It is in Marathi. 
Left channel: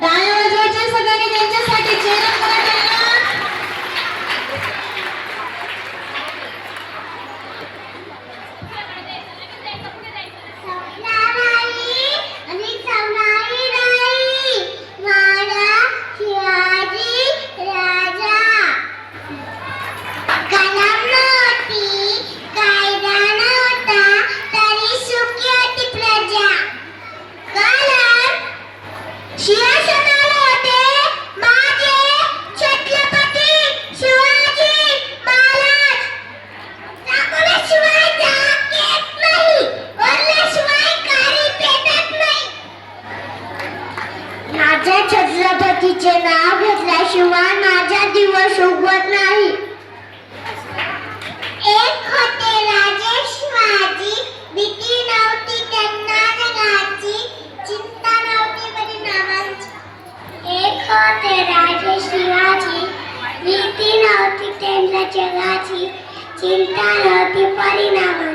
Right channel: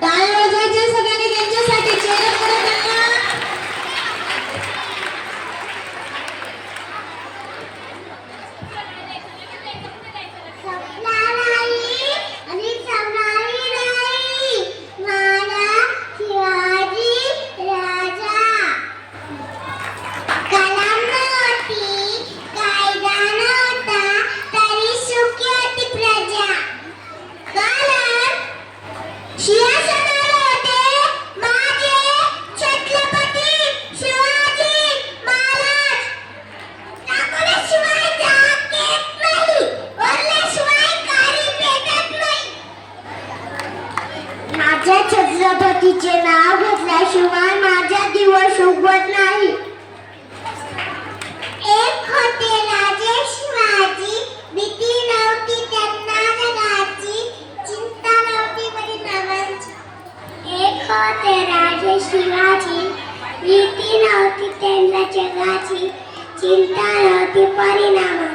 Đại माझ्या छत्रपतीचे नाव घेतल्याशिवाय माझा दिवस उगवत नाही. एक होते राजेश माझी भीती नव्हती त्यांना जगाची. चिंता नव्हती नावांची. एक होते राजेश शिवाजी. भीती नव्हती त्यांना जगाची. चिंता नव्हती परिणामांची